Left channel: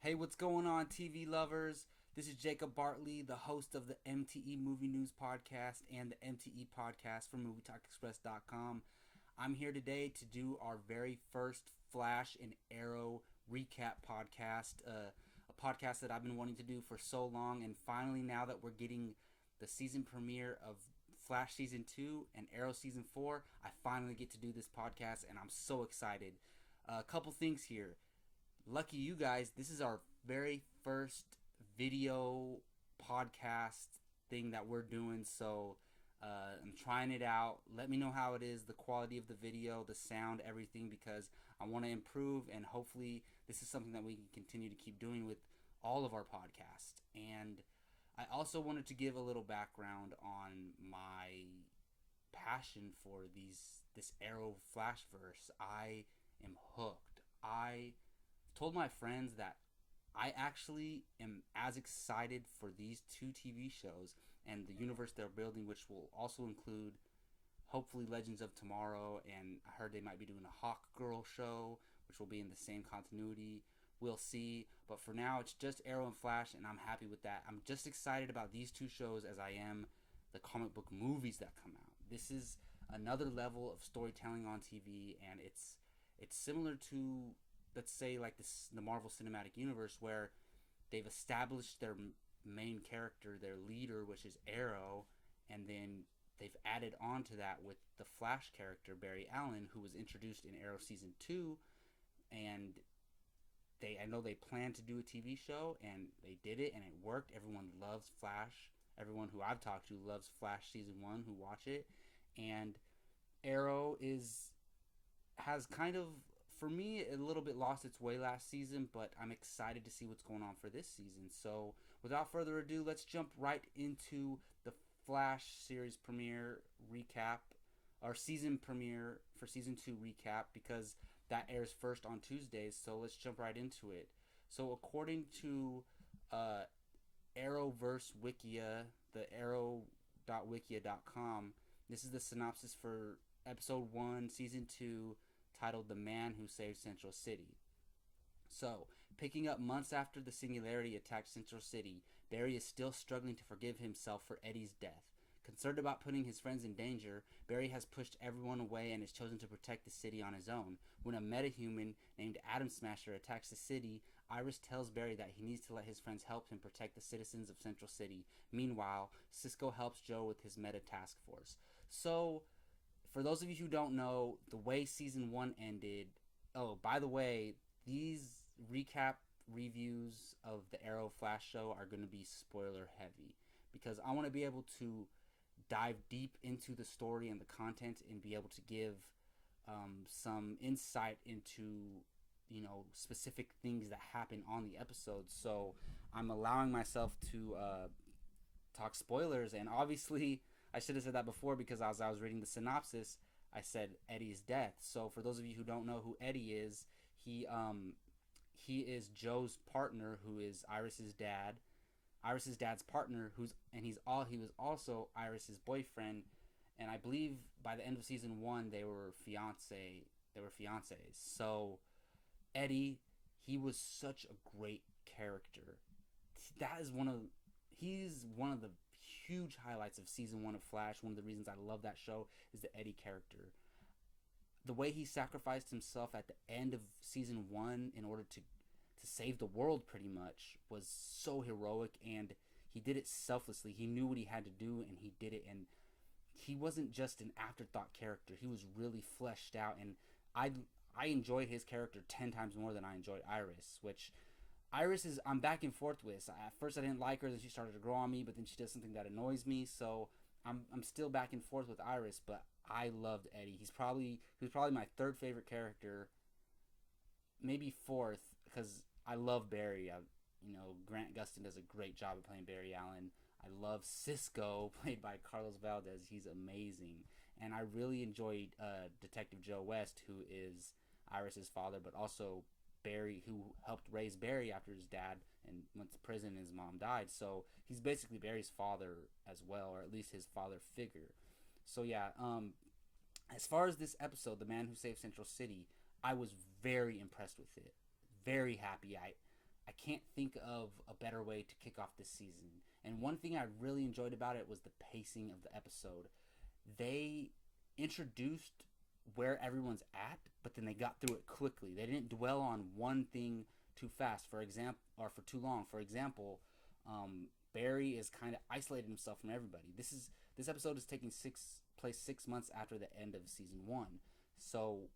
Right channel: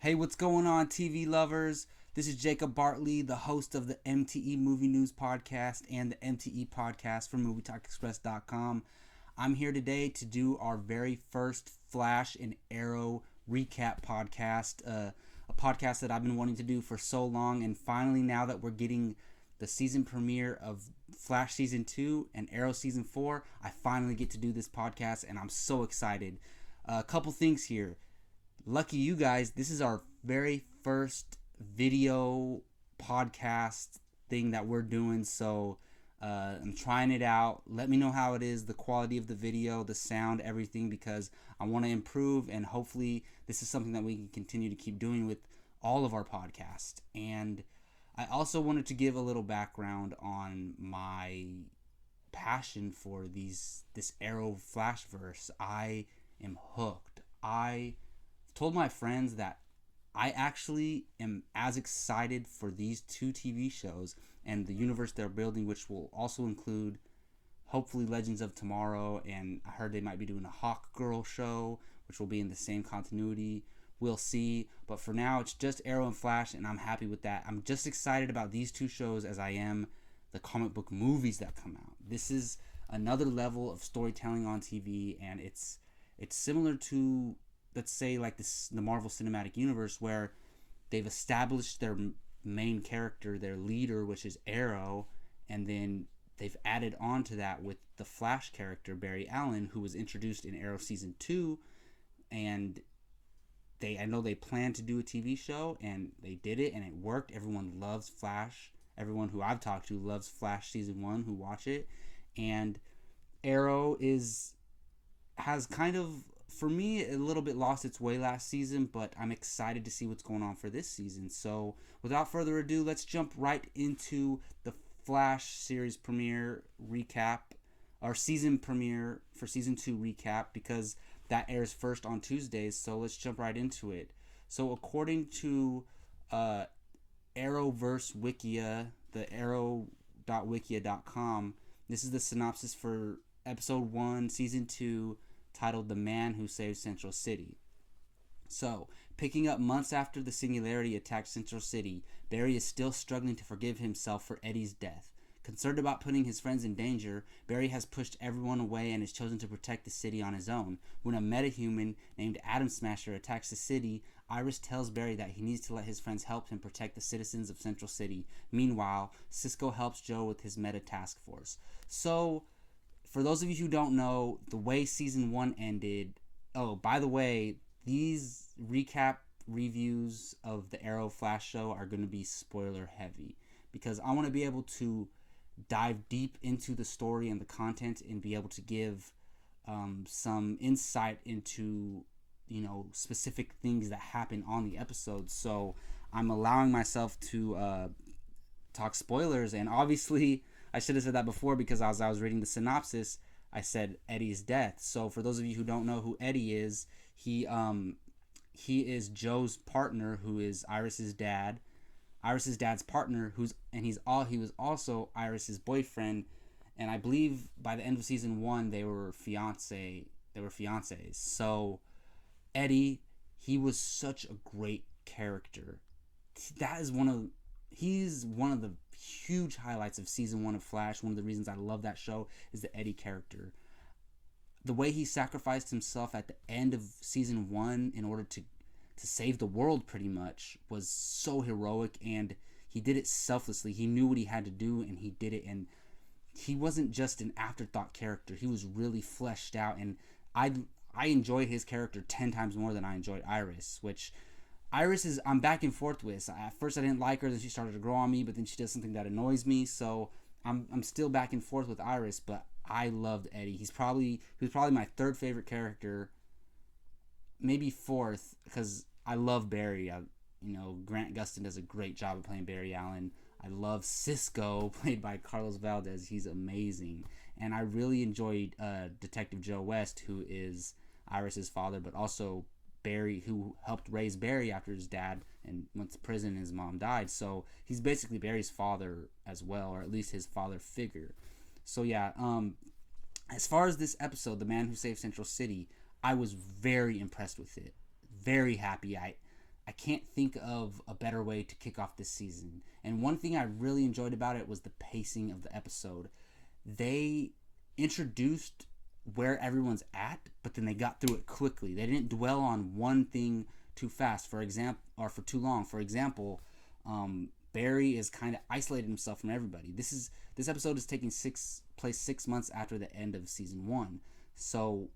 Hey, what's going on, TV lovers? This is Jacob Bartley, the host of the MTE Movie News Podcast and the MTE Podcast from MovieTalkExpress.com. I'm here today to do our very first Flash and Arrow recap podcast, a podcast that I've been wanting to do for so long, and finally, now that we're getting the season premiere of Flash Season 2 and Arrow Season 4, I finally get to do this podcast, and I'm so excited. A couple things here. Lucky you guys, this is our very first video podcast thing that we're doing. So I'm trying it out. Let me know how it is, the quality of the video, the sound, everything, because I want to improve, and hopefully this is something that we can continue to keep doing with all of our podcasts. And I also wanted to give a little background on my passion for this Arrow Flashverse. I am hooked. I told my friends that I actually am as excited for these two TV shows and the universe they're building, which will also include hopefully Legends of Tomorrow, and I heard they might be doing a Hawk Girl show, which will be in the same continuity. We'll see. But for now, it's just Arrow and Flash, and I'm happy with that. I'm just excited about these two shows as I am the comic book movies that come out. This is another level of storytelling on TV, and it's similar to, let's say, like the Marvel Cinematic Universe, where they've established their main character, their leader, which is Arrow, and then they've added on to that with the Flash character Barry Allen, who was introduced in Arrow Season 2, and I know they planned to do a TV show, and they did it, and it worked. Everyone loves Flash. Everyone who I've talked to loves Flash Season 1 who watch it. And Arrow has kind of, for me, a little bit lost its way last season, but I'm excited to see what's going on for this season. So without further ado, let's jump right into the Flash series premiere recap, our season premiere for season 2 recap, because that airs first on Tuesdays. So let's jump right into it. So according to Arrowverse Wikia, the arrow.wikia.com, this is the synopsis for episode 1, season 2, titled The Man Who Saved Central City. So, picking up months after the Singularity attacked Central City, Barry is still struggling to forgive himself for Eddie's death. Concerned about putting his friends in danger, Barry has pushed everyone away and has chosen to protect the city on his own. When a metahuman named Atom Smasher attacks the city, Iris tells Barry that he needs to let his friends help him protect the citizens of Central City. Meanwhile, Cisco helps Joe with his meta task force. So, for those of you who don't know, the way season 1 ended. Oh, by the way, these recap reviews of the Arrow Flash show are going to be spoiler heavy, because I want to be able to dive deep into the story and the content and be able to give some insight into, specific things that happen on the episode. So I'm allowing myself to talk spoilers, and obviously I should have said that before, because as I was reading the synopsis, I said Eddie's death. So for those of you who don't know who Eddie is, he is Joe's partner, who is Iris's dad. Iris's dad's partner, he was also Iris's boyfriend, and I believe by the end of season 1 they were fiancés. So Eddie, he was such a great character. That is he's one of the huge highlights of season 1 of Flash. One of the reasons I love that show is the Eddie character. The way he sacrificed himself at the end of season 1 in order to save the world, pretty much, was so heroic, and he did it selflessly. He knew what he had to do, and he did it, and he wasn't just an afterthought character. He was really fleshed out, and I enjoyed his character 10 times more than I enjoyed Iris, which I'm back and forth with. At first I didn't like her, then she started to grow on me, but then she does something that annoys me, so I'm still back and forth with Iris, but I loved Eddie. He was probably my third favorite character, maybe fourth, because I love Barry. Grant Gustin does a great job of playing Barry Allen. I love Cisco, played by Carlos Valdez. He's amazing. And I really enjoyed Detective Joe West, who is Iris's father, but also Barry, who helped raise Barry after his dad and went to prison and his mom died. So he's basically Barry's father as well, or at least his father figure. So yeah, as far as this episode, The Man Who Saved Central City, I was very impressed with it. Very happy. I can't think of a better way to kick off this season. And one thing I really enjoyed about it was the pacing of the episode. They introduced where everyone's at, but then they got through it quickly. They didn't dwell on one thing too fast, for example, or for too long. For example, Barry is kind of isolated himself from everybody. This episode is taking place 6 months after the end of season 1. So,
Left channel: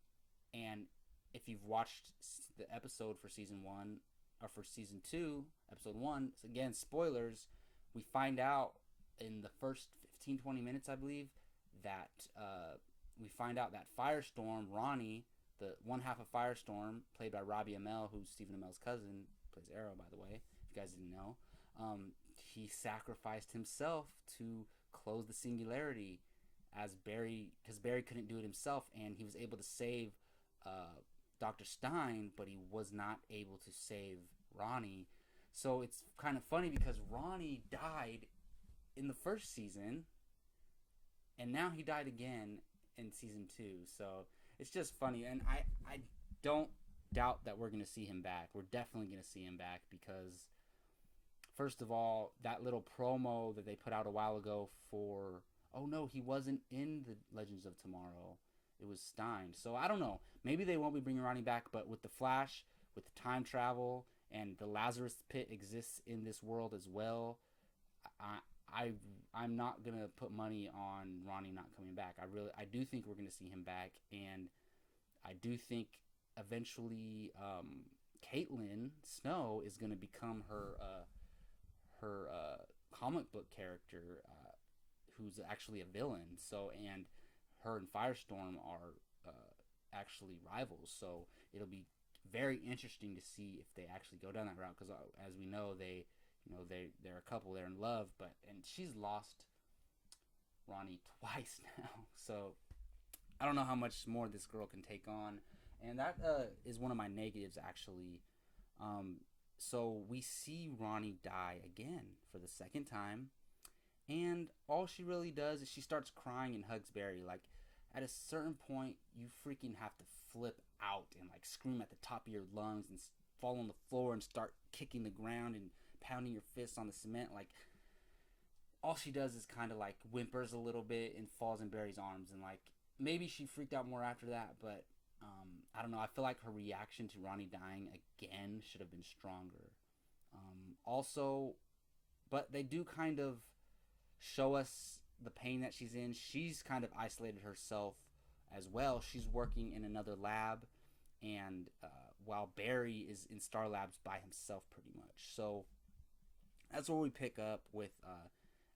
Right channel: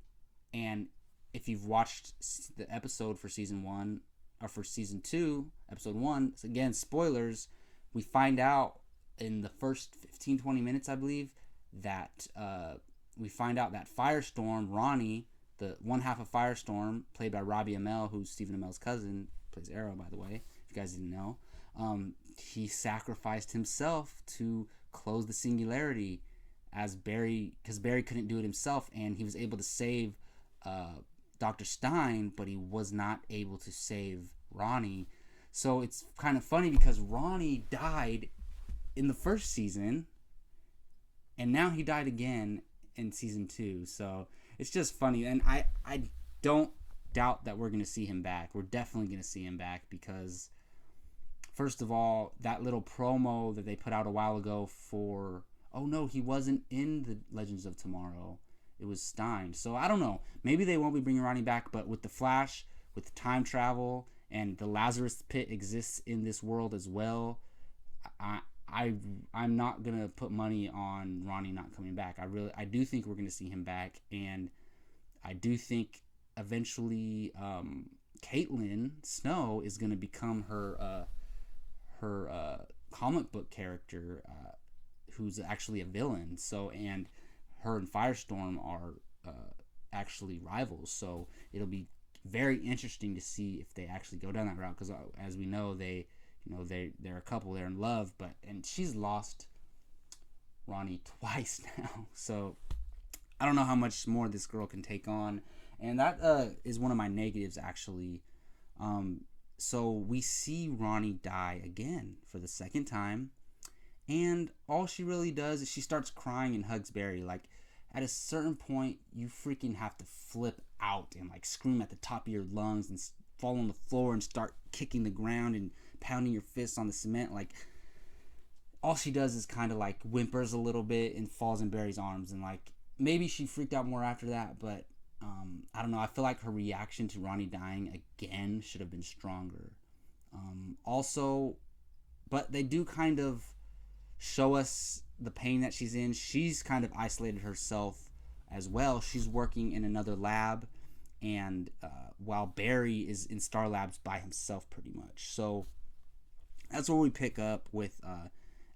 and if you've watched the episode for season 1 or for season 2, episode 1, so again, spoilers, we find out in the first 15-20 minutes, I believe, that we find out that Firestorm, Ronnie, the one half of Firestorm, played by Robbie Amell, who's Stephen Amell's cousin, plays Arrow, by the way, if you guys didn't know, he sacrificed himself to close the singularity as Barry, because Barry couldn't do it himself, and he was able to save Dr. Stein, but he was not able to save Ronnie. So it's kind of funny because Ronnie died in the first season, and now he died again in season 2. So it's just funny, and I don't doubt that we're going to see him back. We're definitely going to see him back because, first of all, that little promo that they put out a while ago for, oh no, he wasn't in the Legends of Tomorrow. It was Stein. So I don't know. Maybe they won't be bringing Ronnie back, but with the Flash, with time travel, and the Lazarus Pit exists in this world as well, I'm not gonna put money on Ronnie not coming back. I do think we're gonna see him back, and I do think eventually Caitlin Snow is gonna become her comic book character, who's actually a villain. So, and her and Firestorm are actually rivals. So it'll be very interesting to see if they actually go down that route. Because as we know, they're a couple. They're in love, and she's lost Ronnie twice now. So I don't know how much more this girl can take on, and that is one of my negatives actually. So we see Ronnie die again for the second time. And all she really does is she starts crying and hugs Barry. Like, at a certain point, you freaking have to flip out and, like, scream at the top of your lungs and fall on the floor and start kicking the ground and pounding your fists on the cement. Like, all she does is kind of, like, whimpers a little bit and falls in Barry's arms. And, like, maybe she freaked out more after that, but I don't know. I feel like her reaction to Ronnie dying again should have been stronger. Also, but they do kind of show us the pain that she's in. She's kind of isolated herself as well. She's working in another lab, and while Barry is in Star Labs by himself pretty much. So that's where we pick up with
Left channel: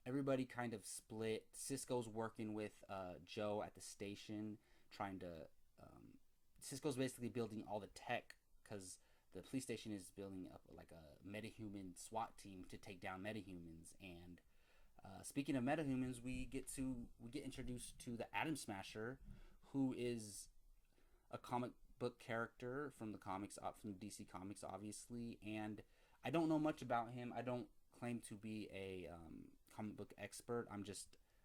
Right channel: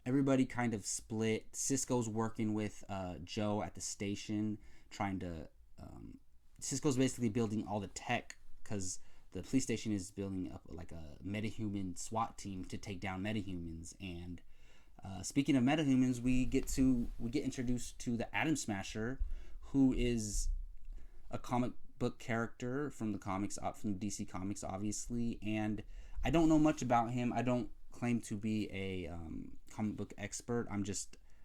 everybody kind of split. Cisco's working with Joe at the station, trying to Cisco's basically building all the tech, because the police station is building up like a metahuman SWAT team to take down metahumans. And speaking of metahumans, we get introduced to the Atom Smasher, who is a comic book character from the comics, from DC Comics, obviously. And I don't know much about him. I don't claim to be a comic book expert.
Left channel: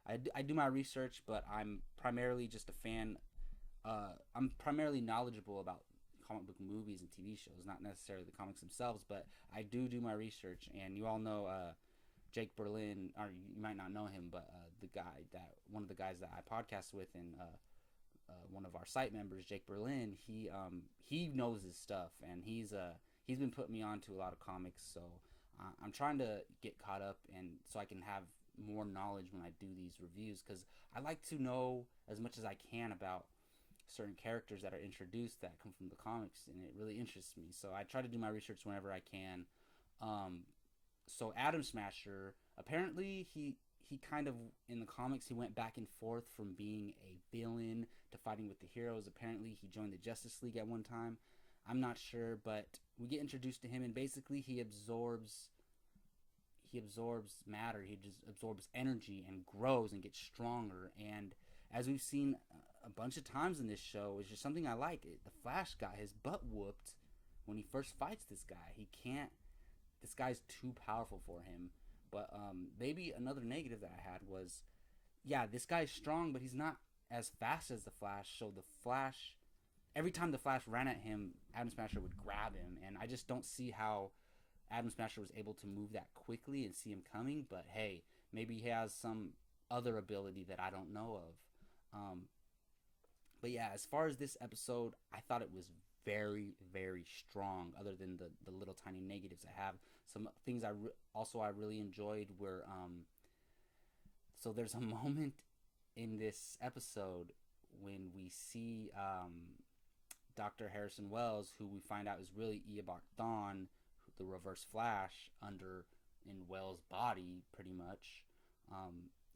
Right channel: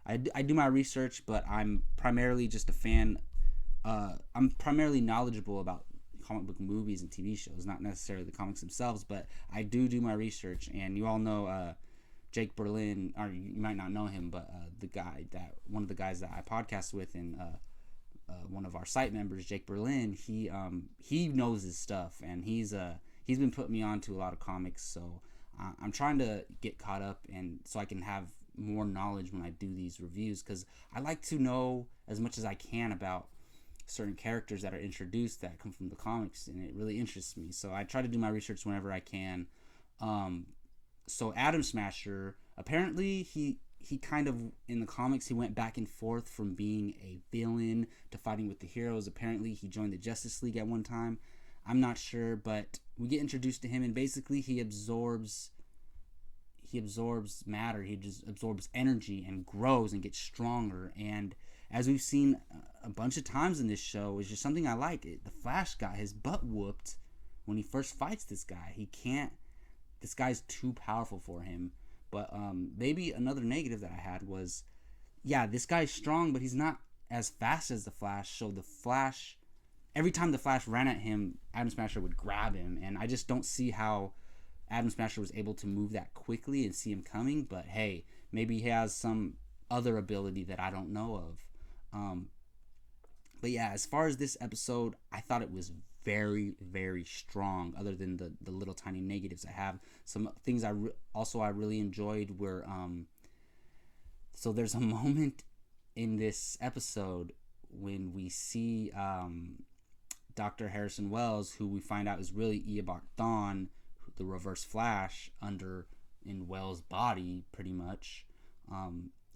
I do my research, but I'm primarily just a fan. I'm primarily knowledgeable about comic book movies and TV shows, not necessarily the comics themselves, but I do my research. And you all know Jake Berlin, or you might not know him, but one of the guys that I podcast with, and one of our site members, Jake Berlin, he knows his stuff, and he's been putting me on to a lot of comics. So I'm trying to get caught up, and so I can have more knowledge when I do these reviews, because I like to know as much as I can about certain characters that are introduced that come from the comics, and it really interests me. So I try to do my research whenever I can. So Atom Smasher, apparently he kind of, in the comics, he went back and forth from being a villain to fighting with the heroes. Apparently he joined the Justice League at one time. I'm not sure, but we get introduced to him, and basically he absorbs matter. He just absorbs energy and grows and gets stronger. And as we've seen a bunch of times in this show, is just something I like. The Flash got his butt whooped when he first fights this guy. This guy's too powerful for him. But maybe another negative that I had was, yeah, this guy's strong, but he's not as fast as the Flash. So the Flash, every time the Flash ran at him, Atom Smasher would grab him. And I just don't see how Adam Smasher was able to move that quickly and see him coming, but hey, maybe he has some other ability that I don't know of. But yeah, as far as this episode, I thought it was very, very strong. Other than the little tiny negatives I have, some things I really enjoyed were so there's a moment in this episode when we see Dr. Harrison Wells, who we find out is really Eobard Thawne, the Reverse Flash, in Wells' body, pretty much.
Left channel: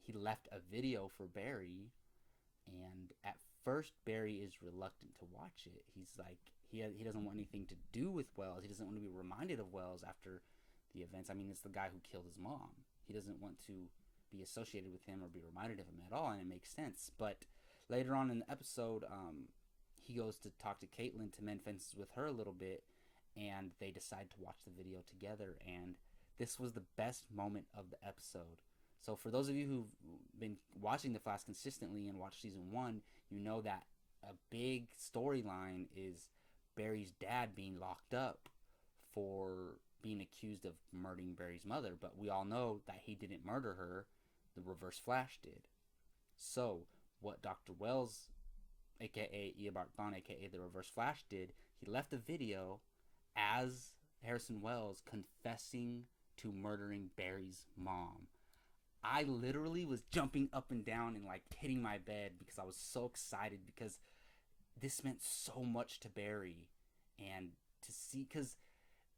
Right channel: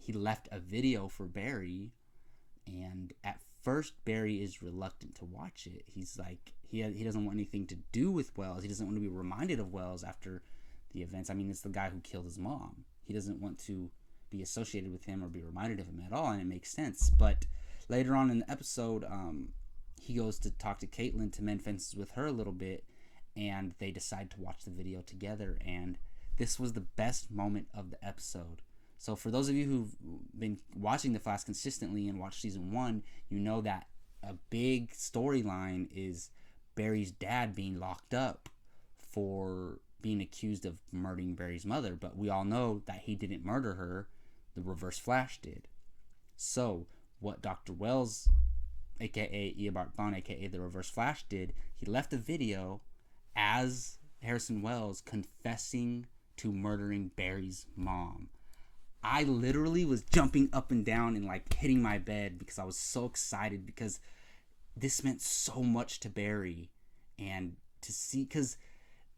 He left a video for Barry, and at first Barry is reluctant to watch it. He's like, he doesn't want anything to do with Wells. He doesn't want to be reminded of Wells after the events. I mean, it's the guy who killed his mom. He doesn't want to be associated with him or be reminded of him at all, and it makes sense. But later on in the episode, he goes to talk to Caitlin to mend fences with her a little bit, and they decide to watch the video together, and this was the best moment of the episode. So for those of you who've been watching The Flash consistently and watched season 1, you know that a big storyline is Barry's dad being locked up for being accused of murdering Barry's mother, but we all know that he didn't murder her. The Reverse Flash did. So what Dr. Wells, aka Eobard Thawne, aka the Reverse Flash, did, he left a video as Harrison Wells confessing to murdering Barry's mom. I literally was jumping up and down and like hitting my bed because I was so excited, because this meant so much to Barry, and to see, because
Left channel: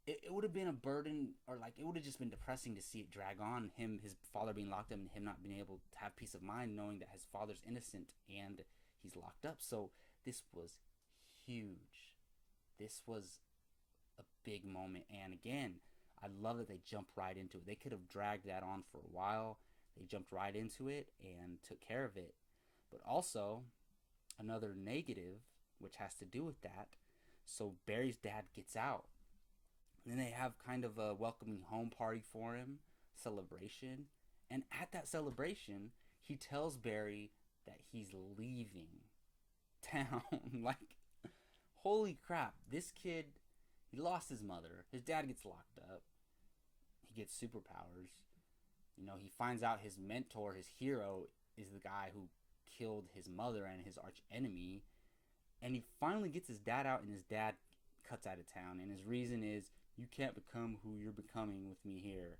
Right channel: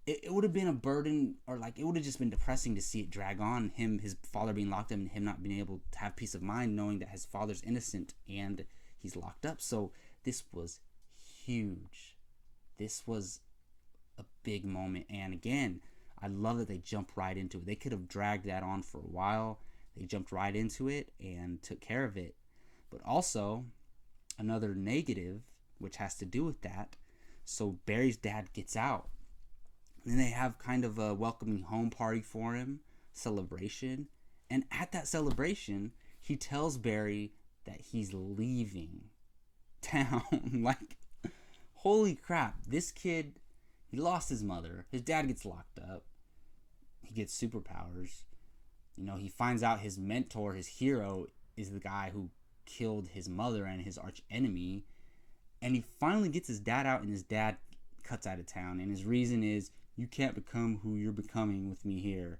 it would have been a burden, or like it would have just been depressing to see it drag on, his father being locked up and him not being able to have peace of mind knowing that his father's innocent and he's locked up. So this was huge. This was a big moment, and again, I love that they jumped right into it. They could have dragged that on for a while. They jumped right into it and took care of it. But also, another negative, which has to do with that, so Barry's dad gets out. And then they have kind of a welcoming home party for him, celebration. And at that celebration, he tells Barry that he's leaving town. Like, holy crap, this kid, he lost his mother. His dad gets locked up. He gets superpowers. You know, he finds out his mentor, his hero, is the guy who killed his mother and his arch enemy. And he finally gets his dad out, and his dad cuts out of town. And his reason is, you can't become who you're becoming with me here.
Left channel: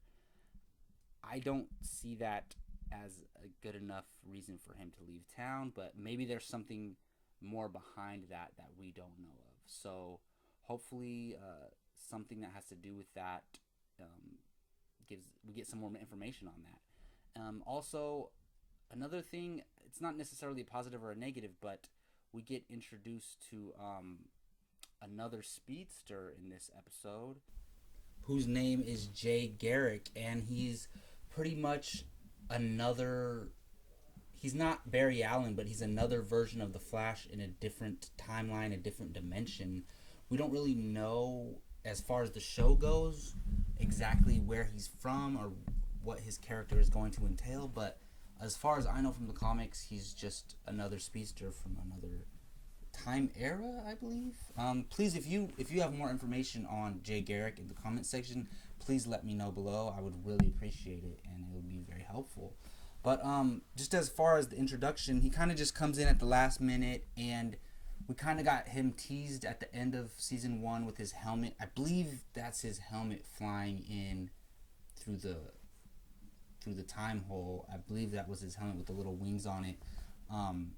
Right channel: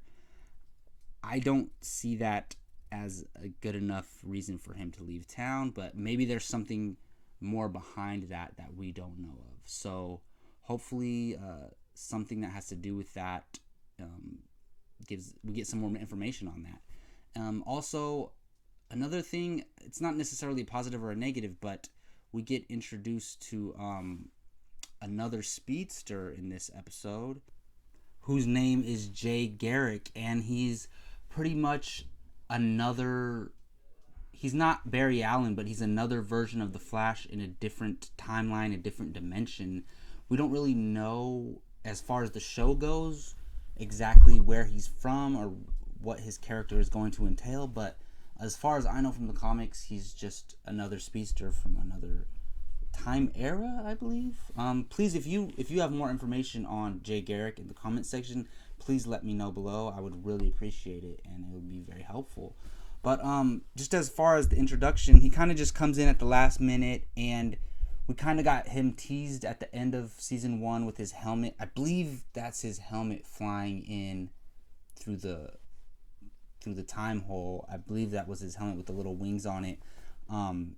I don't see that as a good enough reason for him to leave town, but maybe there's something more behind that we don't know of. So hopefully something that has to do with that we get some more information on that. Also, another thing, it's not necessarily a positive or a negative, but we get introduced to another speedster in this episode, whose name is Jay Garrick, and he's pretty much he's not Barry Allen, but he's another version of the Flash in a different timeline, a different dimension. We don't really know, as far as the show goes, exactly where he's from or what his character is going to entail, but as far as I know from the comics, he's just another speedster from another time era, I believe. Please, if you have more information on Jay Garrick in the comment section, please let me know below. I would really appreciate it, and it would be very helpful. But just as far as the introduction, he kind of just comes in at the last minute, and we kind of got him teased at the end of season 1 with his helmet. I believe that's his helmet flying in through the time hole. I believe that was his helmet with the little wings on it.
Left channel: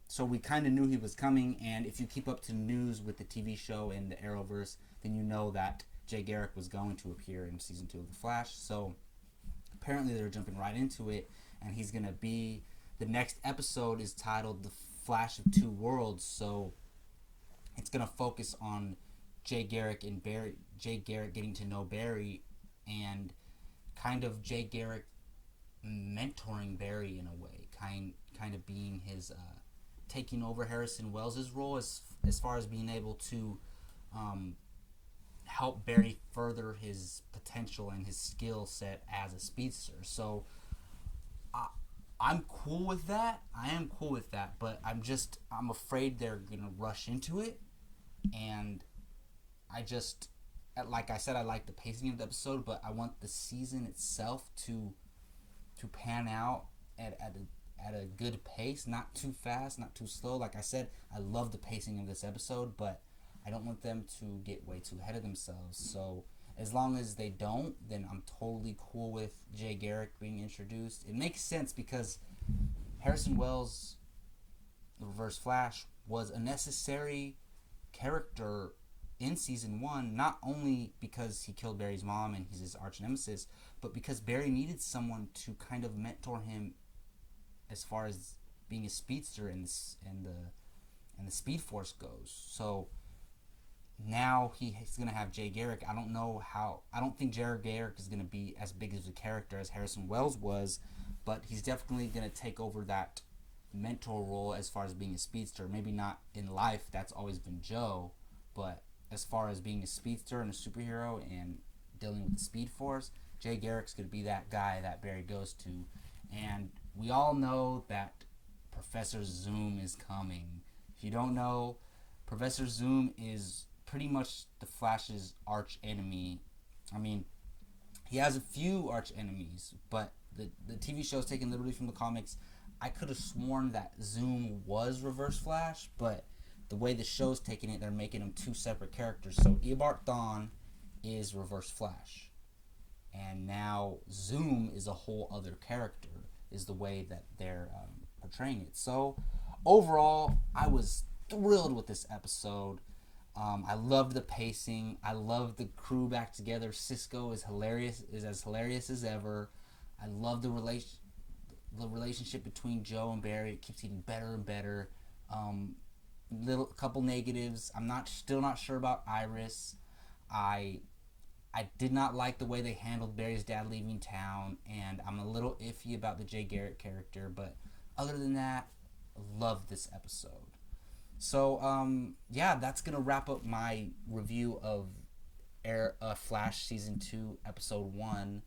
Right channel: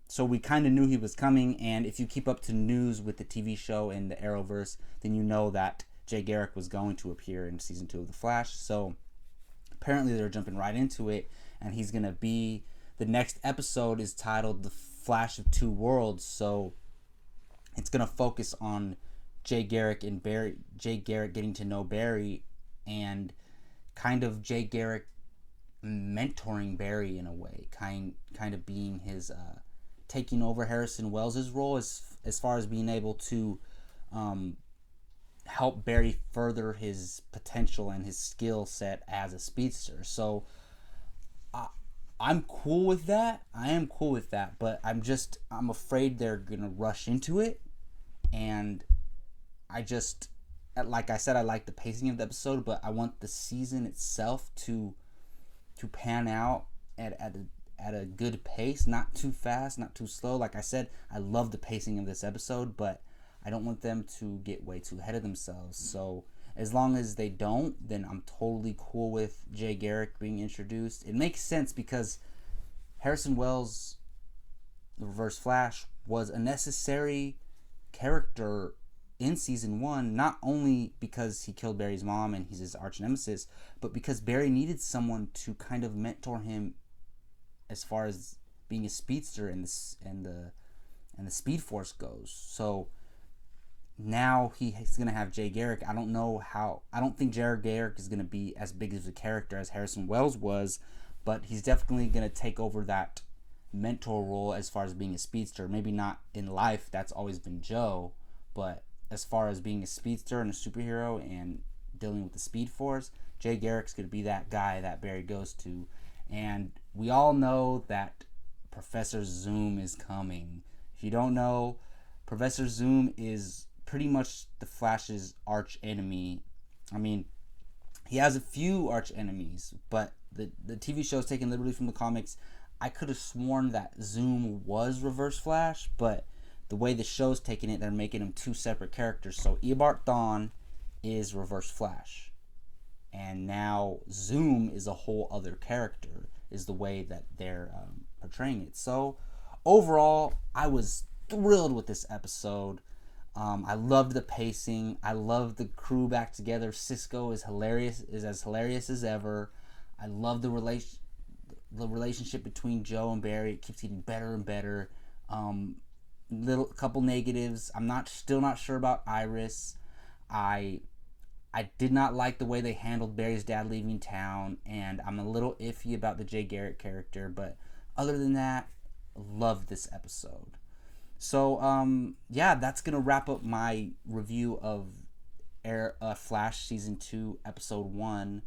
So we kind of knew he was coming, and if you keep up to news with the TV show and the Arrowverse, then you know that Jay Garrick was going to appear in season 2 of The Flash. So apparently they're jumping right into it, and he's going to be, the next episode is titled The Flash of Two Worlds, so it's going to focus on Jay Garrick getting to know Barry, and kind of Jay Garrick mentoring Barry in a way, kind of being his taking over Harrison Wells' role as far as being able to help Barry further his potential and his skill set as a speedster. So I'm cool with that. I am cool with that, but I'm afraid they're gonna rush into it, and I just like I said, I like the pacing of the episode, but I want the season itself to pan out at a good pace, not too fast, not too slow. Like I said, I love the pacing of this episode, but I don't want them to get way too ahead of themselves. So as long as they don't, then I'm totally cool with Jay Garrick being introduced. It makes sense because Harrison Wells, the Reverse Flash, was a necessary character in season 1, not only because he killed Barry's mom and he's his arch nemesis, but because Barry needed someone to kind of mentor him as far as being a speedster and the Speed Force goes. So now he's gonna have Jay Garrick. I don't think Jay Garrick is gonna be as big as a character as Harrison Wells was, but he's definitely gonna take over that mentor role as far as being a speedster. Maybe not in life, that's always been Joe, but as far as being a speedster and a superhero and dealing with the Speed Force, Jay Garrick's going to be that guy that Barry goes to. And we all know that Professor Zoom is coming. If you don't know, Professor Zoom is pretty much the Flash's arch enemy. I mean, he has a few arch enemies, but the TV show is taken literally from the comics. I could have sworn that Zoom was Reverse Flash, but the way the show's taking it, they're making them two separate characters. So Eobard Thawne is Reverse Flash, and now Zoom is a whole other character, is the way that they're portraying it. So overall, I was thrilled with this episode. I loved the pacing. I loved the crew back together. Cisco is as hilarious as ever. I love the relationship between Joe and Barry. It keeps getting better and better. Couple negatives. I'm still not sure about Iris. I did not like the way they handled Barry's dad leaving town, and I'm a little iffy about the Jay Garrick character, but other than that, love this episode. So yeah, that's gonna wrap up my review of Flash season 2 episode 1,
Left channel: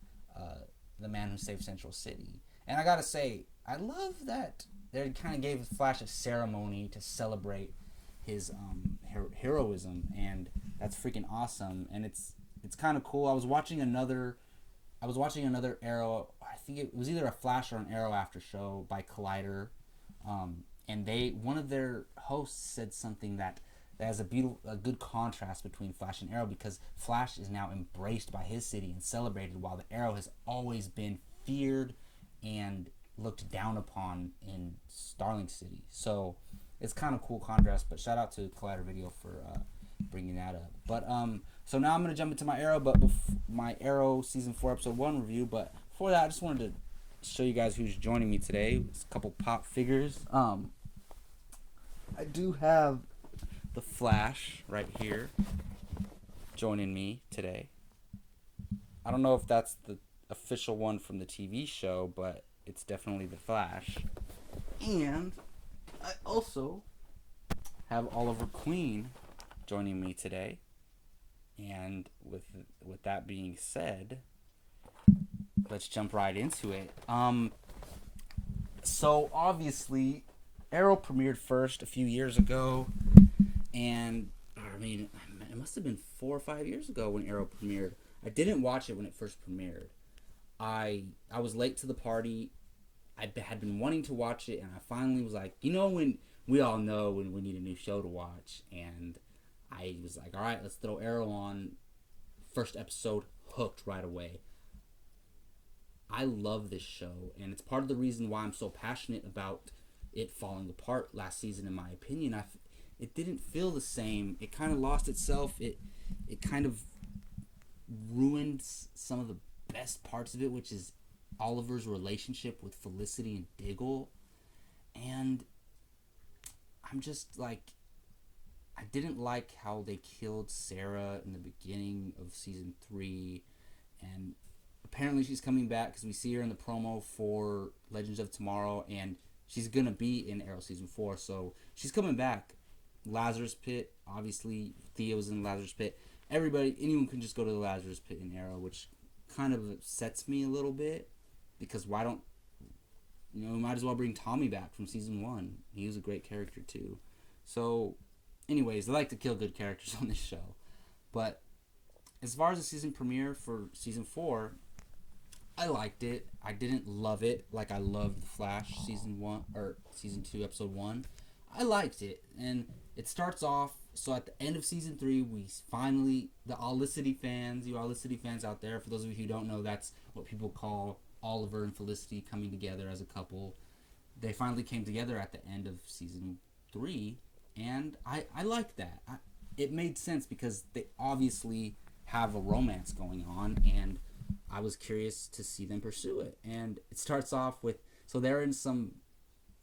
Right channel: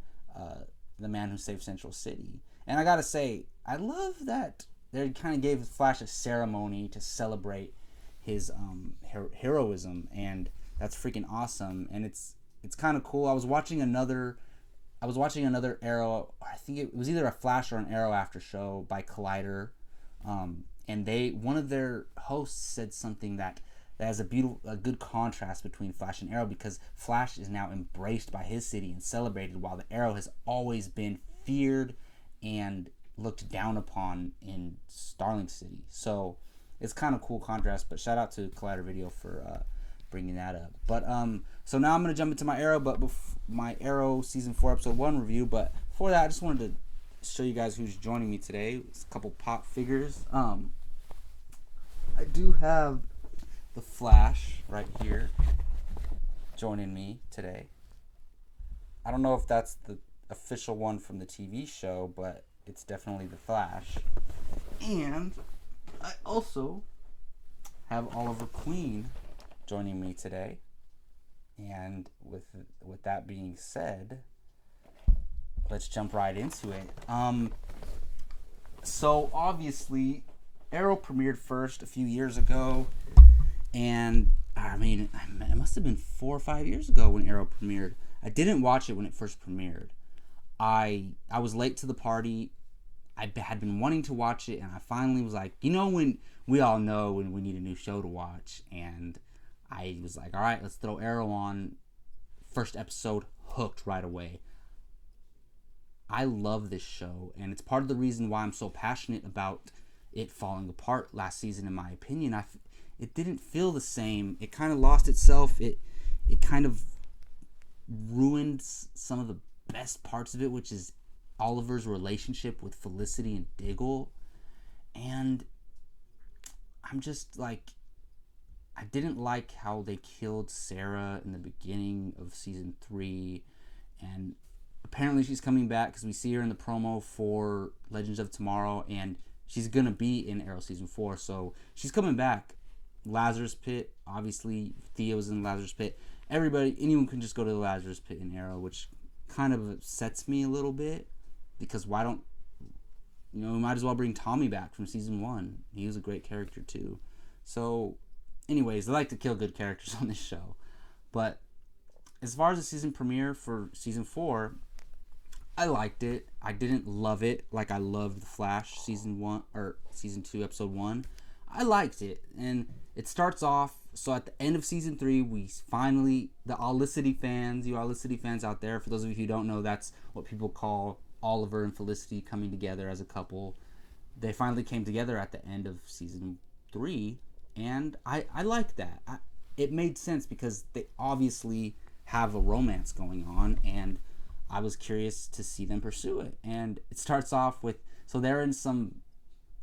The Man Who Saved Central City. And I gotta say, I love that they kind of gave Flash a ceremony to celebrate his heroism, and that's freaking awesome. And it's kind of cool. I was watching another Arrow. I think it was either a Flash or an Arrow after show by Collider, and one of their hosts said something that has a good contrast between Flash and Arrow, because Flash is now embraced by his city and celebrated, while the Arrow has always been feared and looked down upon in Starling City. So it's kind of cool contrast, but shout out to Collider Video for bringing that up. But so now I'm gonna jump into my Arrow season 4 episode 1 review. But before that, I just wanted to show you guys who's joining me today. It's a couple pop figures. I do have the Flash right here joining me today. I don't know if that's the official one from the TV show, but it's definitely the Flash. And I also have Oliver Queen joining me today. And with that being said, let's jump right into it. So obviously, Arrow premiered first a few years ago, and I mean, it must have been 4 or 5 years ago when Arrow premiered. I didn't watch it when it first premiered. I was late to the party. I had been wanting to watch it, and I finally was like, when we all know when we need a new show to watch, and I was like, all right, let's throw Arrow on. First episode, hooked right away. I love this show, and it's part of the reason why I'm so passionate about it falling apart last season, in my opinion. It didn't feel the same. It kind of lost itself. It kind of ruined some of the best parts of it, which is Oliver's relationship with Felicity and Diggle. And I'm just like, I didn't like how they killed Sarah in the beginning of season 3, and apparently she's coming back because we see her in the promo for Legends of Tomorrow, and she's gonna be in Arrow season 4, so she's coming back. Lazarus Pit, obviously Theo's in Lazarus Pit. Anyone can just go to the Lazarus Pit in Arrow, which kind of upsets me a little bit, because why don't we might as well bring Tommy back from season 1. He was a great character too. So anyways, they like to kill good characters on this show. But as far as the season premiere for season 4, I liked it. I didn't love it like I loved The Flash season 1 or season 2 episode 1. I liked it, and it starts off. So at the end of season 3, we finally, the Olicity fans, you Olicity fans out there, for those of you who don't know, that's what people call Oliver and Felicity coming together as a couple. They finally came together at the end of season 3, and I like that. It made sense because they obviously have a romance going on, and I was curious to see them pursue it. And it starts off with, so they're in some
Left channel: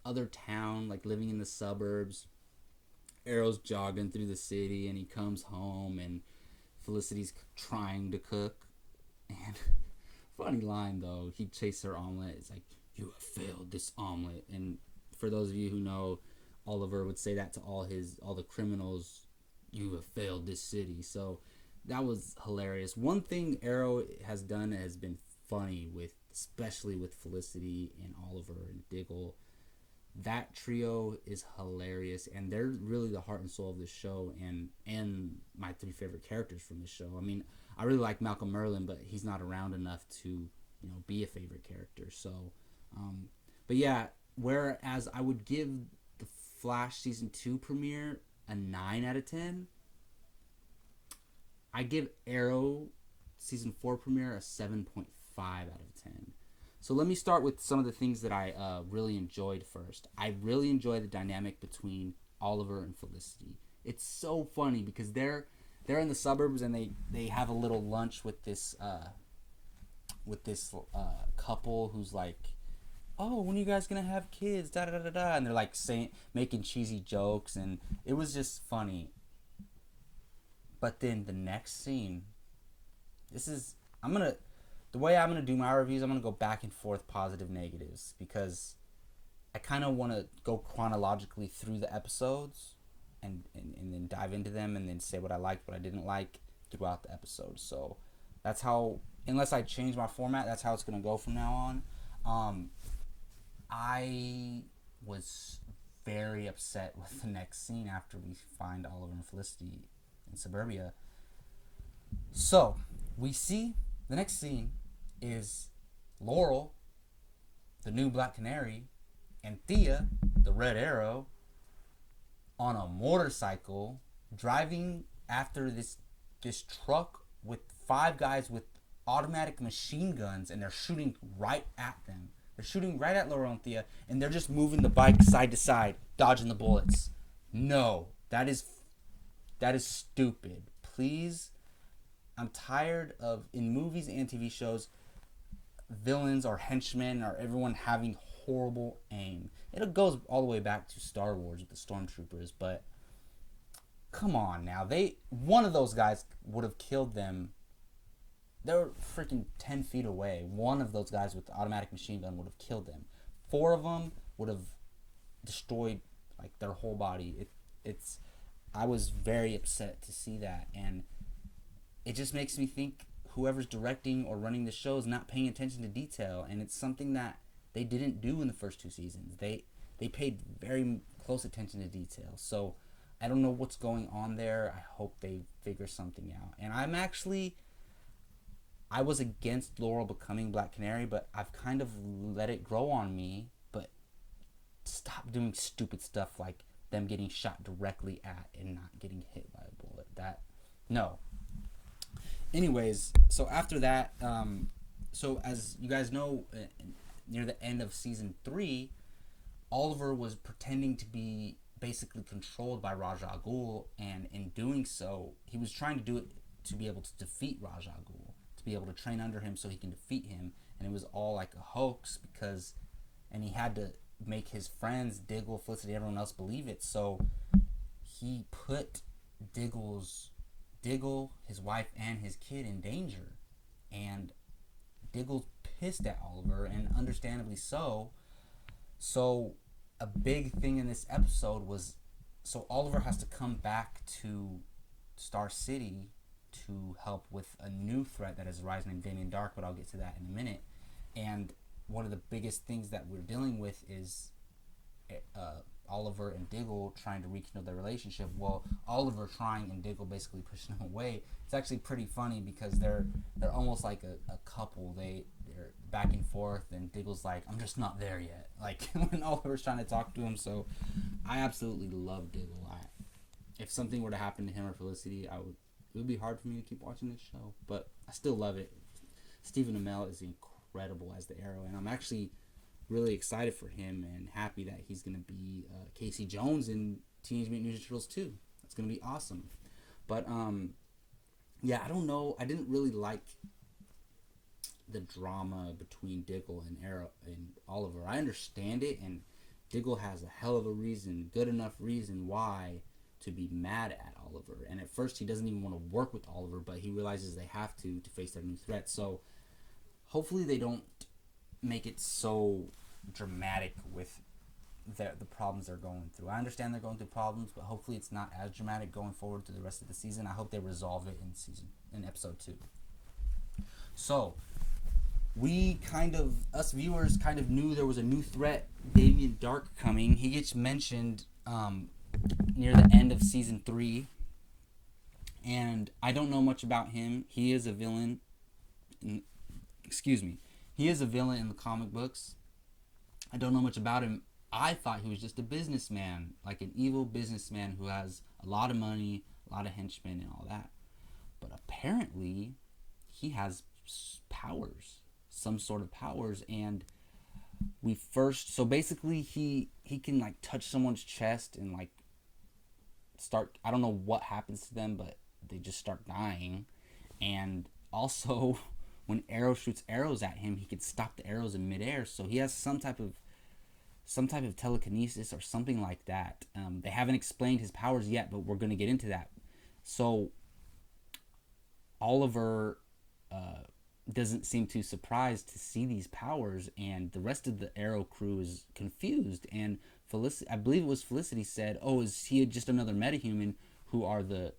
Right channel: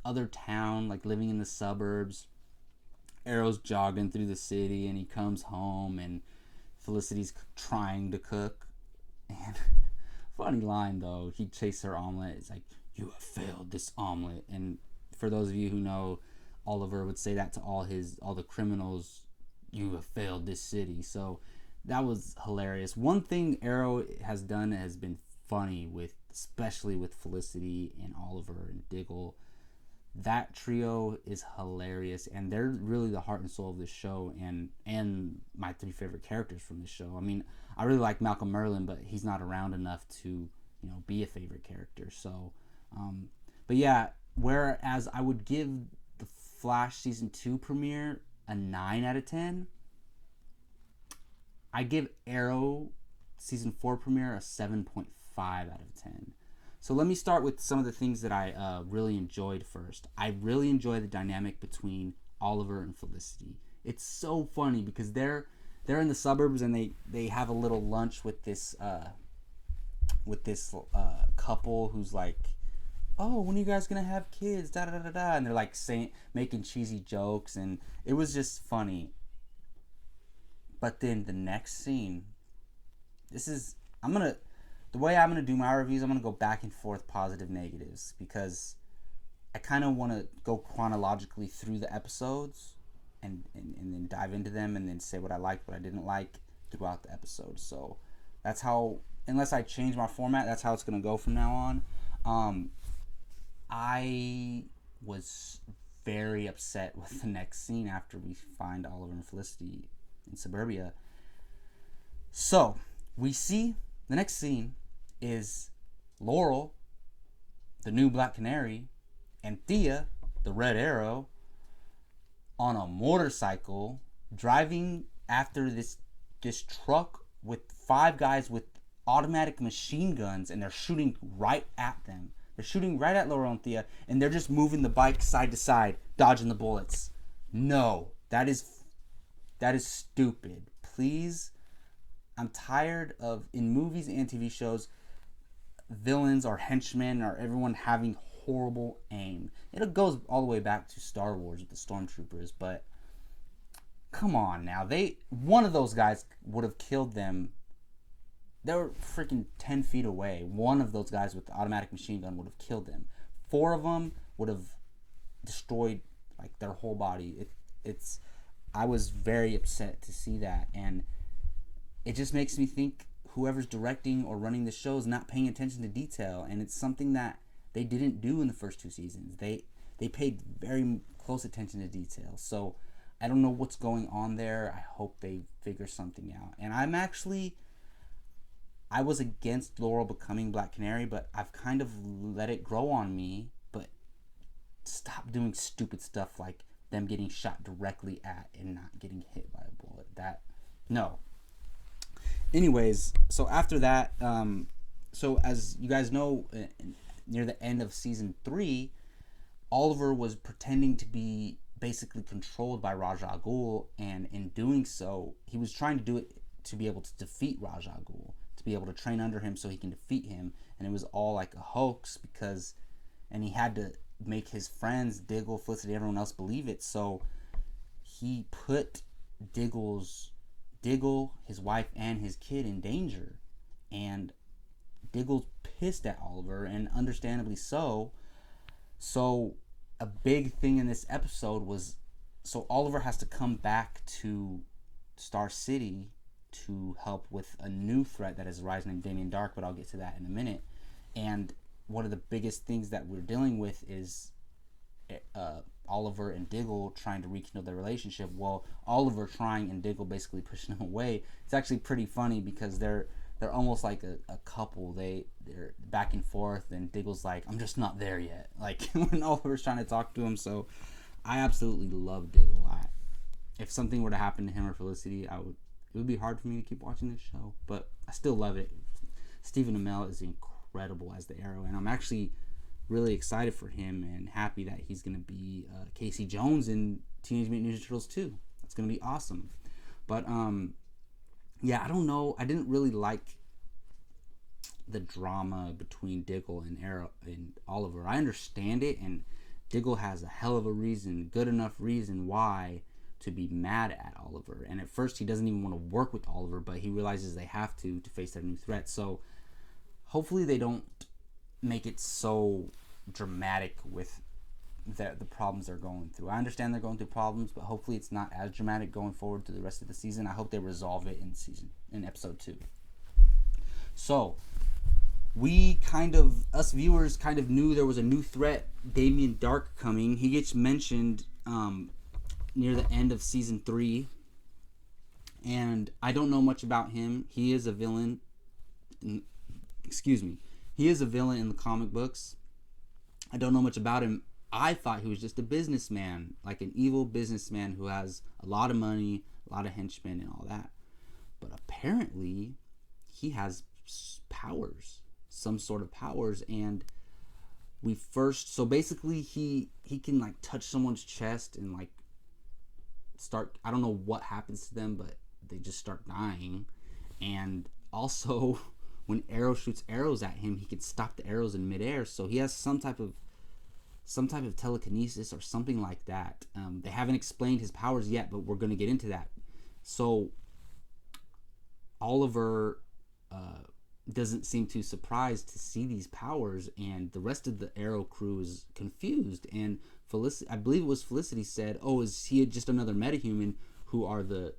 other town, like living in the suburbs. Arrow's jogging through the city, and he comes home, and Felicity's trying to cook. And funny line though, he tastes her omelet. It's like, "You have failed this omelet." And for those of you who know, Oliver would say that to all the criminals. "You have failed this city." So that was hilarious. One thing Arrow has done has been funny with, especially with Felicity and Oliver and Diggle. That trio is hilarious, and they're really the heart and soul of this show, and my 3 favorite characters from this show. I mean, I really like Malcolm Merlyn, but he's not around enough to, be a favorite character. So, but yeah, whereas I would give the Flash season 2 premiere a 9 out of 10, I give Arrow season 4 premiere a 7.5 out of 10. So let me start with some of the things that I really enjoyed first. I really enjoy the dynamic between Oliver and Felicity. It's so funny because they're in the suburbs, and they have a little lunch with this couple who's like, "Oh, when are you guys gonna have kids? Da da da da." And they're like making cheesy jokes, and it was just funny. But then the next scene, the way I'm going to do my reviews, I'm going to go back and forth, positive, negatives, because I kind of want to go chronologically through the episodes and then dive into them and then say what I liked, what I didn't like throughout the episode. So that's how, unless I change my format, that's how it's going to go from now on. I was very upset with the next scene after we find Oliver and Felicity in suburbia. So we see the next scene is Laurel, the new Black Canary, and Thea, the Red Arrow, on a motorcycle driving after this truck with 5 guys with automatic machine guns, and they're shooting right at them. They're shooting right at Laurel and Thea, and they're just moving the bike side to side, dodging the bullets. No, that is stupid. Please, I'm tired of, in movies and TV shows, villains or henchmen or everyone having horrible aim. It goes all the way back to Star Wars with the Stormtroopers, but come on now. One of those guys would have killed them. They were freaking 10 feet away. One of those guys with the automatic machine gun would have killed them. 4 of them would have destroyed like their whole body. I was very upset to see that, and it just makes me think whoever's directing or running the show is not paying attention to detail, and it's something that they didn't do in the first 2 seasons. They paid very close attention to detail. So I don't know what's going on there. I hope they figure something out. And I was against Laurel becoming Black Canary, but I've kind of let it grow on me. But stop doing stupid stuff like them getting shot directly at and not getting hit by a bullet. No. Anyways, so after that, so as you guys know, near the end of season 3, Oliver was pretending to be basically controlled by Ra's al Ghul, and in doing so, he was trying to do it to be able to defeat Ra's al Ghul, to be able to train under him so he can defeat him, and it was all like a hoax and he had to make his friends, Diggle, Felicity, everyone else believe it, so he put Diggle, his wife, and his kid in danger, and Diggle's pissed at Oliver, and understandably so. So a big thing in this episode was, so Oliver has to come back to Star City to help with a new threat that has arisen named Damien Dark, but I'll get to that in a minute. And one of the biggest things that we're dealing with is Oliver and Diggle trying to rekindle their relationship. Well, Oliver trying and Diggle basically pushing him away. It's actually pretty funny because they're almost like a couple. They're back and forth, and Diggle's like, I'm just not there yet. Like when Oliver's trying to talk to him. So I absolutely love Diggle. If something were to happen to him or Felicity, it would be hard for me to keep watching this show, but I still love it. Stephen Amell is incredible as the Arrow, and I'm actually really excited for him and happy that he's going to be Casey Jones in Teenage Mutant Ninja Turtles 2. That's going to be awesome. But yeah, I don't know. I didn't really like the drama between Diggle and Arrow and Oliver. I understand it, and Diggle has a hell of a reason, good enough reason why to be mad at Oliver. And at first he doesn't even want to work with Oliver, but he realizes they have to face their new threat. So hopefully they don't make it so dramatic with the problems they're going through. I understand they're going through problems, but hopefully it's not as dramatic going forward to the rest of the season. I hope they resolve it in episode 2. So us viewers kind of knew there was a new threat, Damien Dark, coming. He gets mentioned near the end of season 3, and I don't know much about him. He is a villain. He is a villain in the comic books. I don't know much about him. I thought he was just a businessman, like an evil businessman who has a lot of money, a lot of henchmen, and all that. But apparently, he has powers, some sort of powers, and so basically he can like touch someone's chest and like start, I don't know what happens to them, but they just start dying. And also when Arrow shoots arrows at him, he could stop the arrows in midair. So he has some type of telekinesis or something like that. They haven't explained his powers yet, but we're going to get into that. So Oliver doesn't seem too surprised to see these powers, and the rest of the Arrow crew is confused. And Felicity, I believe it was Felicity, said, "Oh, is he just another metahuman?" Who are the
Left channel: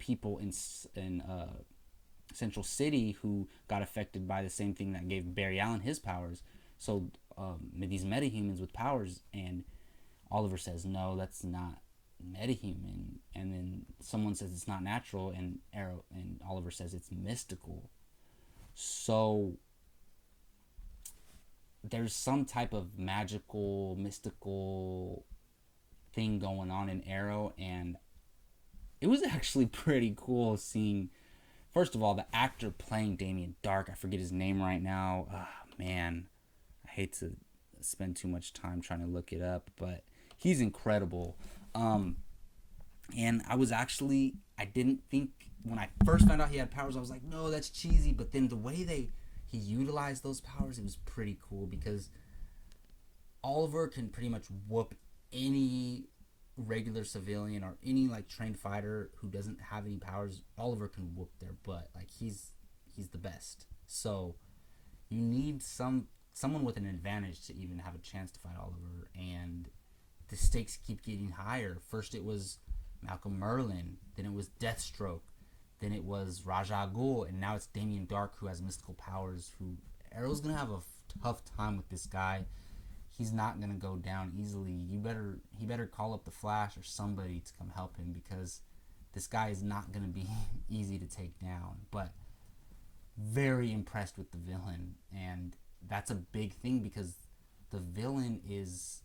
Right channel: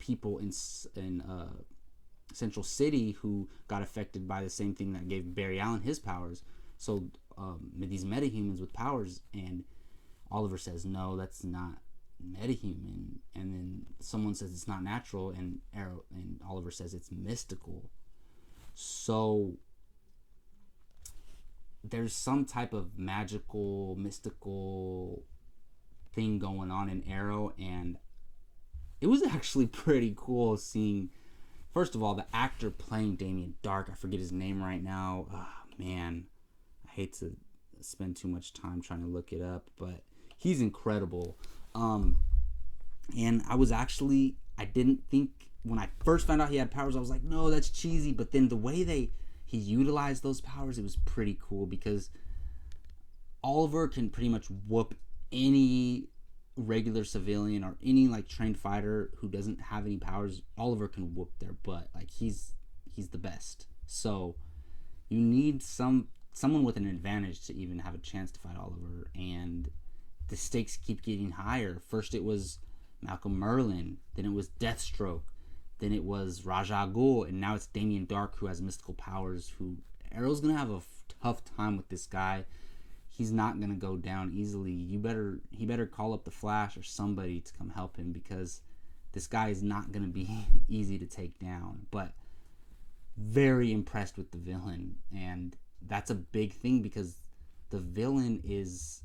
people in Central City who got affected by the same thing that gave Barry Allen his powers. So these metahumans with powers, and Oliver says, "No, that's not metahuman." And then someone says it's not natural, and Oliver says it's mystical. So there's some type of magical, mystical thing going on in Arrow, and it was actually pretty cool seeing, first of all, the actor playing Damien Dark. I forget his name right now. Oh, man, I hate to spend too much time trying to look it up, but he's incredible. And I didn't think, when I first found out he had powers, I was like, no, that's cheesy. But then the way he utilized those powers, it was pretty cool, because Oliver can pretty much whoop any regular civilian or any like trained fighter who doesn't have any powers. Oliver can whoop their butt. Like he's the best. So you need someone with an advantage to even have a chance to fight Oliver, and the stakes keep getting higher. First it was Malcolm Merlyn, then it was Deathstroke, then it was Ra's al Ghul, and now it's Damien Dark, who has mystical powers. Who Arrow's gonna have a tough time with this guy. He's not gonna go down easily. He better call up the Flash or somebody to come help him, because this guy is not gonna be easy to take down. But very impressed with the villain, and that's a big thing, because the villain is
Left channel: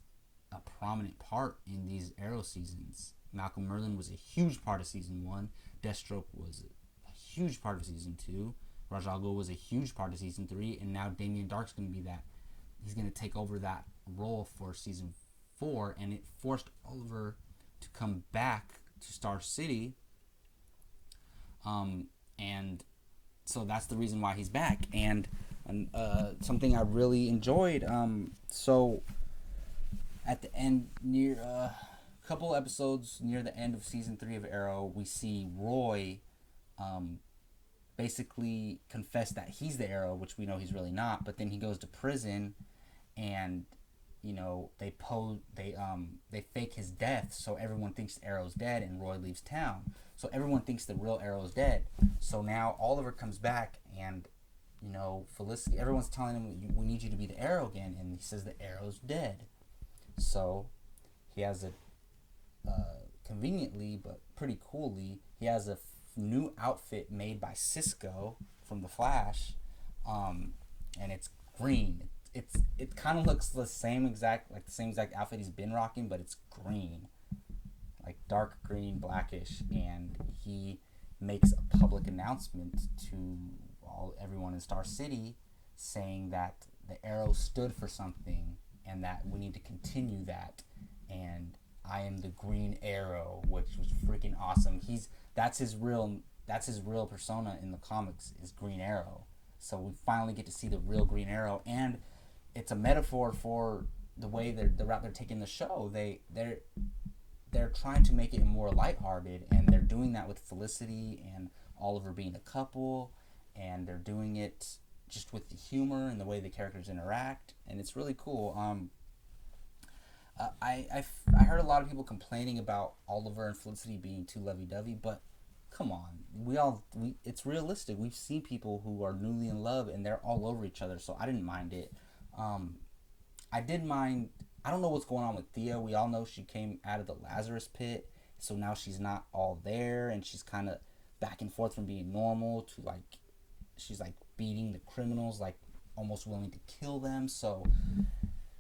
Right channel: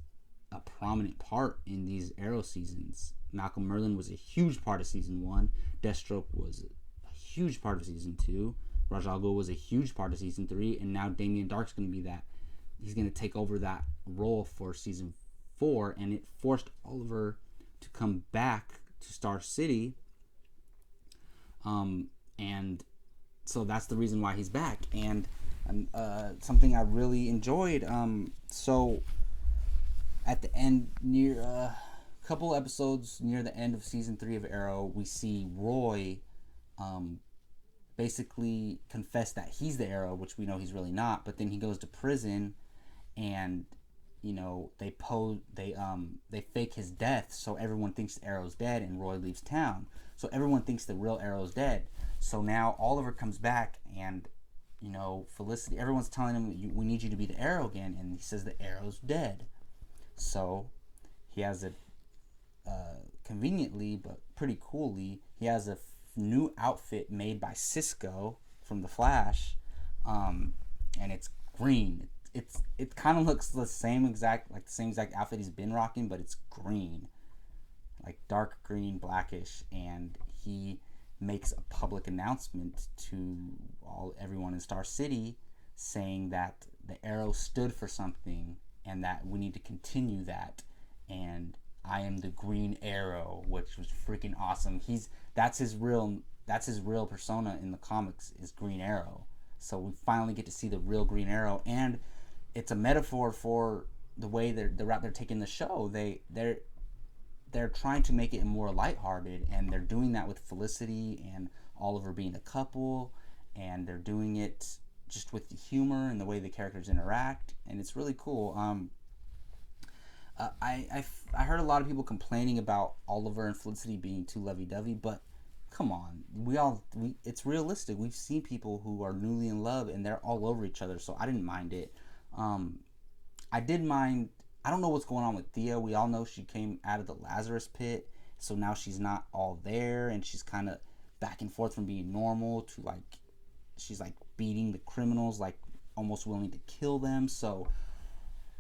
a prominent part in these Arrow seasons. Malcolm Merlyn was a huge part of season 1. Deathstroke was a huge part of season 2. Ra's al Ghul was a huge part of season 3, and now Damien Dark's going to be that. He's going to take over that role for season 4, and it forced Oliver to come back to Star City. And so that's the reason why he's back, and something I really enjoyed. So at the end, near a couple episodes near the end of season 3 of Arrow, we see Roy basically confess that he's the Arrow, which we know he's really not. But then he goes to prison, and they fake his death, so everyone thinks Arrow's dead, and Roy leaves town. So everyone thinks the real Arrow's dead. So now Oliver comes back, and Felicity, everyone's telling him, we need you to be the Arrow again, and he says the Arrow's dead. So he has a conveniently but pretty coolly, he has a new outfit made by Cisco from The Flash, and it's green. It kind of looks the same exact outfit he's been rocking, but it's green, like dark green, blackish, and he makes a public announcement to everyone in Star City, saying that the Arrow stood for something and that we need to continue that, and I am the Green Arrow, which was freaking awesome. That's his real persona in the comics, is Green Arrow. So we finally get to see the real Green Arrow, and it's a metaphor for the way the route they're taking the show. They're trying to make it more lighthearted, and they're doing that with Felicity and Oliver being a couple, and they're doing it just with the humor and the way the characters interact, and it's really cool. I heard a lot of people complaining about Oliver and Felicity being too lovey-dovey, but come on, it's realistic. We've seen people who are newly in love and they're all over each other, so I didn't mind it. I did mind. I don't know what's going on with Thea. We all know she came out of the Lazarus pit, so now she's not all there, and she's kind of back and forth from being normal to she's beating the criminals, almost willing to kill them. So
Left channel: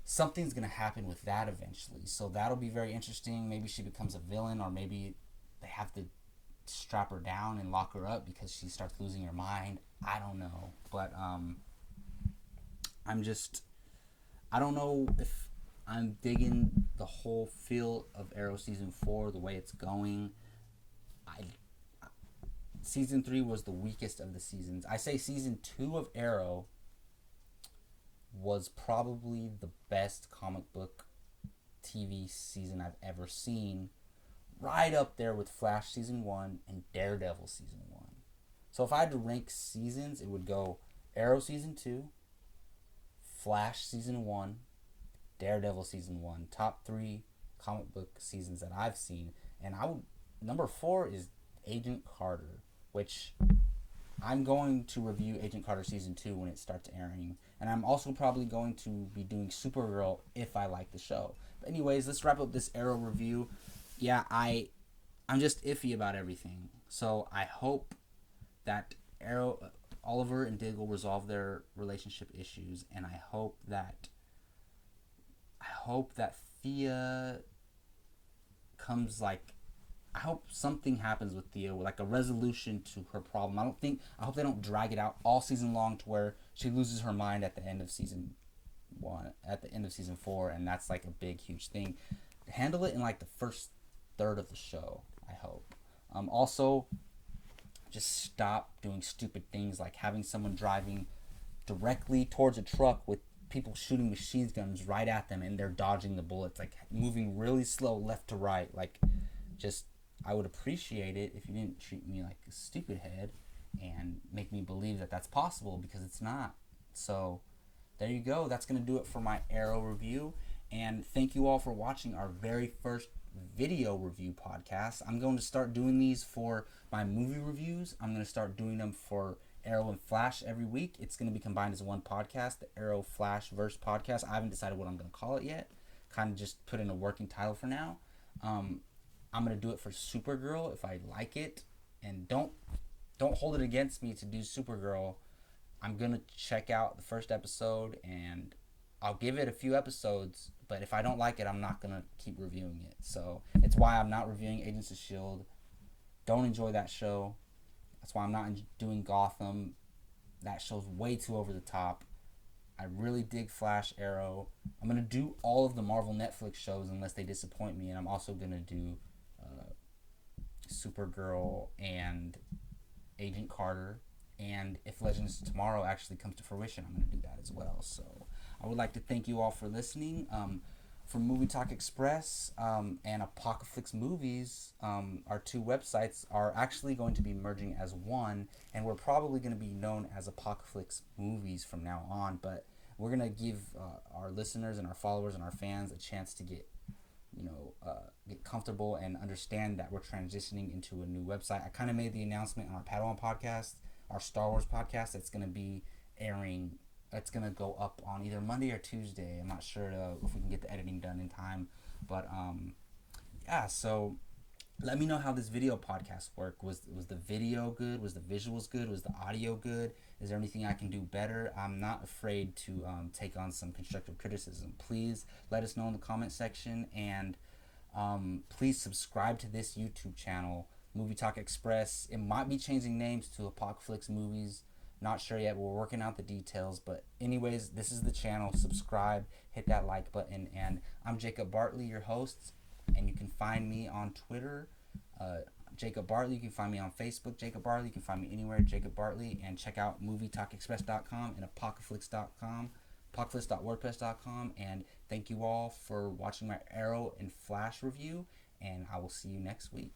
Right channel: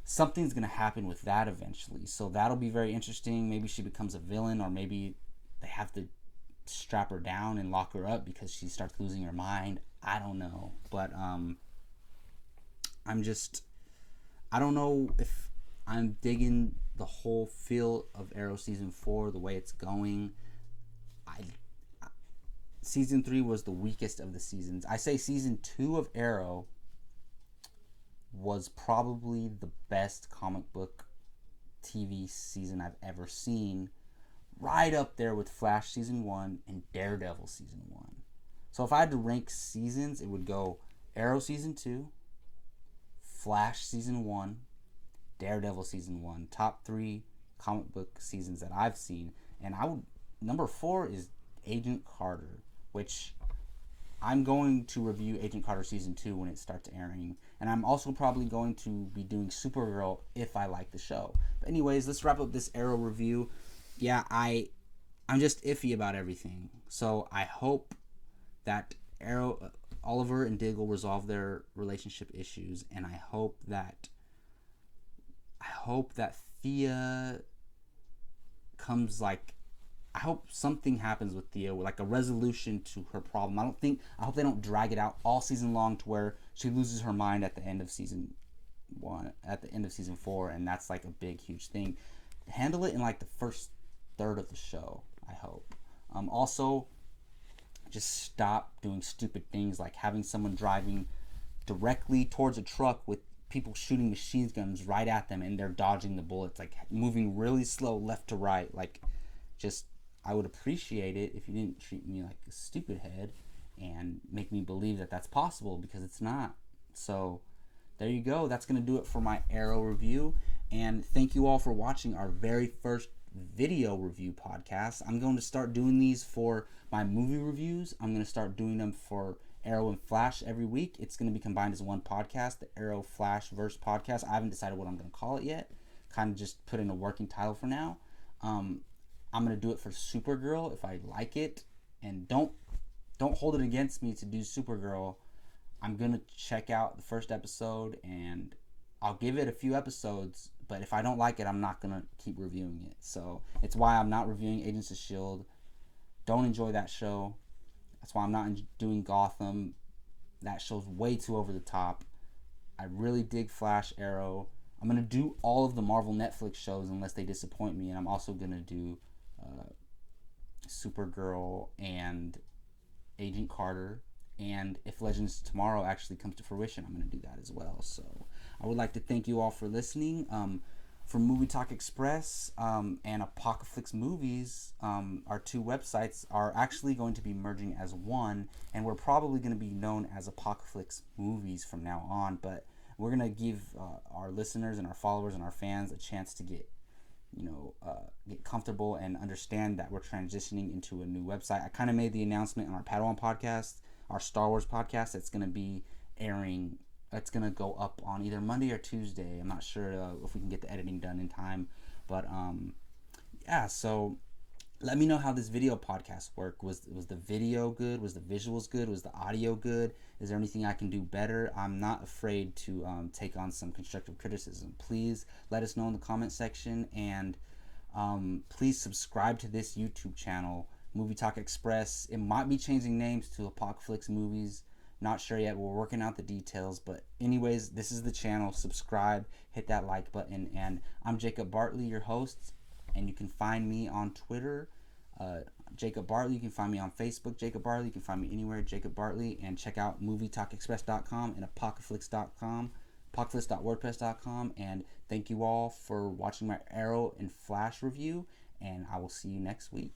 something's gonna happen with that eventually. So that'll be very interesting. Maybe she becomes a villain, or maybe they have to strap her down and lock her up because she starts losing her mind. I don't know, but I don't know if I'm digging the whole feel of Arrow season 4, the way it's going. Season 3 was the weakest of the seasons. I say season 2 of Arrow was probably the best comic book TV season I've ever seen, right up there with Flash season 1 and Daredevil season 1. So if I had to rank seasons, it would go Arrow season 2, Flash season 1, Daredevil season 1. Top 3 comic book seasons that I've seen. And number 4 is Agent Carter, which I'm going to review Agent Carter season 2 when it starts airing. And I'm also probably going to be doing Supergirl if I like the show. But anyways, let's wrap up this Arrow review. Yeah, I'm just iffy about everything. So I hope that Oliver and Diggle resolve their relationship issues, and I hope that Thea comes I hope something happens with Thea, a resolution to her problem. I hope they don't drag it out all season long to where she loses her mind at the end of season 1, at the end of season 4, and that's a big, huge thing. Handle it in the first third of the show, I hope. Also, just stop doing stupid things like having someone driving directly towards a truck with people shooting machine guns right at them and they're dodging the bullets, moving really slow left to right. I would appreciate it if you didn't treat me like a stupid head and make me believe that that's possible, because it's not. So there you go. That's going to do it for my Arrow review. And thank you all for watching our very first video review podcast. I'm going to start doing these for my movie reviews. I'm going to start doing them for Arrow and Flash every week. It's going to be combined as one podcast, the Arrow Flash Verse podcast. I haven't decided what I'm going to call it yet. Kind of just put in a working title for now. I'm going to do it for Supergirl if I like it. And don't hold it against me to do Supergirl. I'm going to check out the first episode and I'll give it a few episodes, but if I don't like it, I'm not going to keep reviewing it. So it's why I'm not reviewing Agents of S.H.I.E.L.D. Don't enjoy that show. That's why I'm not doing Gotham. That show's way too over the top. I really dig Flash, Arrow. I'm going to do all of the Marvel Netflix shows unless they disappoint me, and I'm also going to do Supergirl and Agent Carter. And if Legends of Tomorrow actually comes to fruition, I'm going to do that as well. So I would like to thank you all for listening. For Movie Talk Express and Apocalypse Movies, our two websites are actually going to be merging as one, and we're probably going to be known as Apocalypse Movies from now on. But we're going to give our listeners and our followers and our fans a chance to get comfortable and understand that we're transitioning into a new website. I kind of made the announcement on our Padawan podcast, our Star Wars podcast. It's going to be airing. It's going to go up on either Monday or Tuesday. I'm not sure if we can get the editing done in time. But yeah, so let me know how this video podcast worked. Was the video good? Was the visuals good? Was the audio good? Is there anything I can do better? I'm not afraid to take on some constructive criticism. Please let us know in the comment section, and please subscribe to this YouTube channel, Movie Talk Express. It might be changing names to Apocalypse Movies. Not sure yet. We're working out the details. But anyways, this is the channel. Subscribe, hit that like button, and I'm Jacob Bartley, your host. And you can find me on Twitter, Jacob Bartley. You can find me on Facebook, Jacob Bartley. You can find me anywhere, Jacob Bartley. And check out MovieTalkExpress.com and Apocalypse.com, apocalypse.wordpress.com. And thank you all for watching my Arrow and Flash review. And I will see you next week.